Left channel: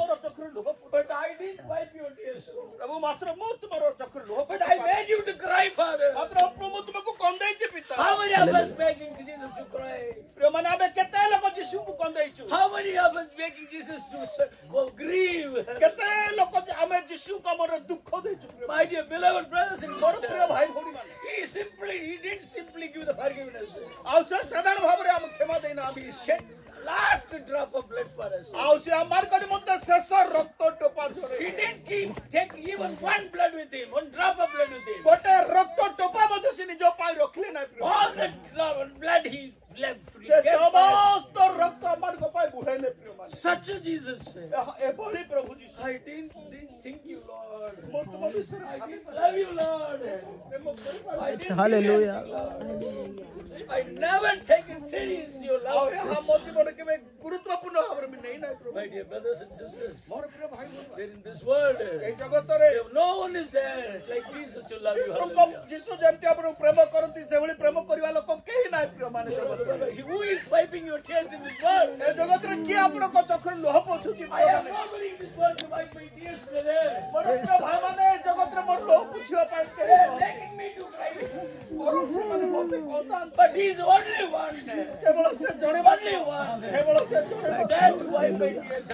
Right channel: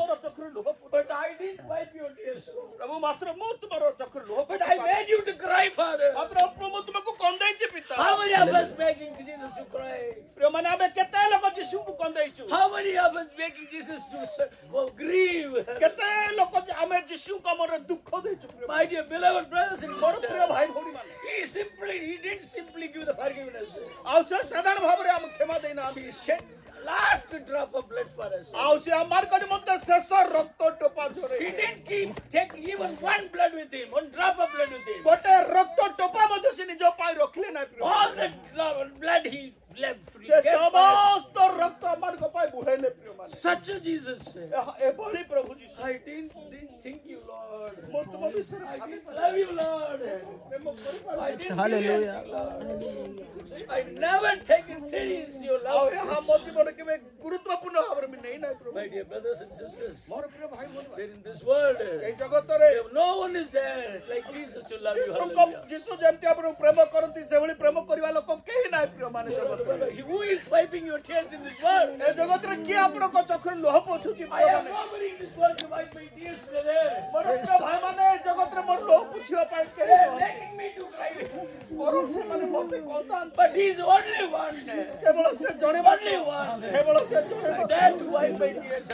ମୋର ଚକ୍ଷୁରୁ ଲୁହ But I didn't wipe your tears. ପ୍ରଭୁ ମାତ୍ର ମୁଁ ତୁମର ଚକ୍ଷୁରୁ ଲୁହ But I made you to cry, Father. ମାତ୍ର ପ୍ରଭୁ ମୁଁ ତୁମକୁ କନ୍ଦେଇଛି ପିତା How many of us begging Jesus to cry? ପ୍ରିୟମାନେ ଆମେ କେତେ ଲୋକ ଯୀଶୁଙ୍କୁ କନ୍ଦେଇଛୁ How many of us begging Jesus to grieve? କେତେ ଲୋକ ଆମେ ଯୀଶୁଙ୍କ ଆମର ଦୁଃଖ ଦେଇଛୁ My dear beloved brothers and ମୋର ପ୍ରିୟ sisters, ଭାଇ ଭଉଣୀମାନେ he didn't simply give the forgiveness. ଆଉ ସେ ସାଧାରଣ ଭାବରେ ଆମକୁ କ୍ଷମା ଦେଇନା He shed last drop of blood for us. ଆଉ ସେ ଆମର ନିମନ୍ତେ ଶେଷ ରକ୍ତ ଟୋପା He didn't take even one blood with him, one drop of blood with him. ଗୋଟେ ରକ୍ତ ଟୋପା ମଧ୍ୟ ସେ ନିଜ ପାଇଁ ରଖିଲେ ନାହିଁ All the blood he left. He ସେ gave for us. ସମସ୍ତ ରକ୍ତ ଆମମାନଙ୍କ ପାଇଁ ବୁହାଇଲେ ପ୍ରିୟମାନେ Such a Jesus. ଏଭଳି ପ୍ରଭୁ ଯୀଶୁ I didn't think you, Lord. ମୁଁ ତୁମ ବିଷୟରେ I didn't love you, Lord. I didn't Hallelujah. I never taken serious your ଆଉ love. ଏହା ମୋ ଜୀବନରେ କେବେ ଗୁରୁତ୍ୱପୂର୍ଣ୍ଣ ଭାବରେ ମୁଁ ନେଇ ନାହିଁ ପ୍ରଭୁ My dear brothers and sisters, ମୋର ପ୍ରିୟ ଭାଇ ଭଉଣୀ in this world, ଏଇ ଜଗତରେ no one is there like Jesus to love you. ଯୀଶୁଙ୍କ Hallelujah. ଯୀଶୁ ଯେମିତି ଆପଣଙ୍କୁ ପ୍ରେମ କରନ୍ତି ସେଭଳି ପ୍ରେମ କରିବା ଲୋକ କେହି ନାହିଁ ପ୍ରିୟମାନେ ଜଗତରେ Who is wiping your tears in this world? ଏ ଜଗତରେ କିଏ ଆପଣଙ୍କ ଚକ୍ଷୁରୁ ଲୁହ ପୋଛୁଛି I am nobody in this world to wipe my tears, brother. ମୋର ପ୍ରିୟ ଭାଇମାନେ ଏ ଜଗତରେ ମୋର ଲୁହ ପୋଛିବା ପାଇଁ କେହି They are begging me to cry with you. ମୋର ସେମାନେ ମୋତେ କହୁଥାନ୍ତି But he is only one. କେବଳ ସେ ଜଣେ Only one. କେବଳ ସେ ଜଣେ That to wipe my tears.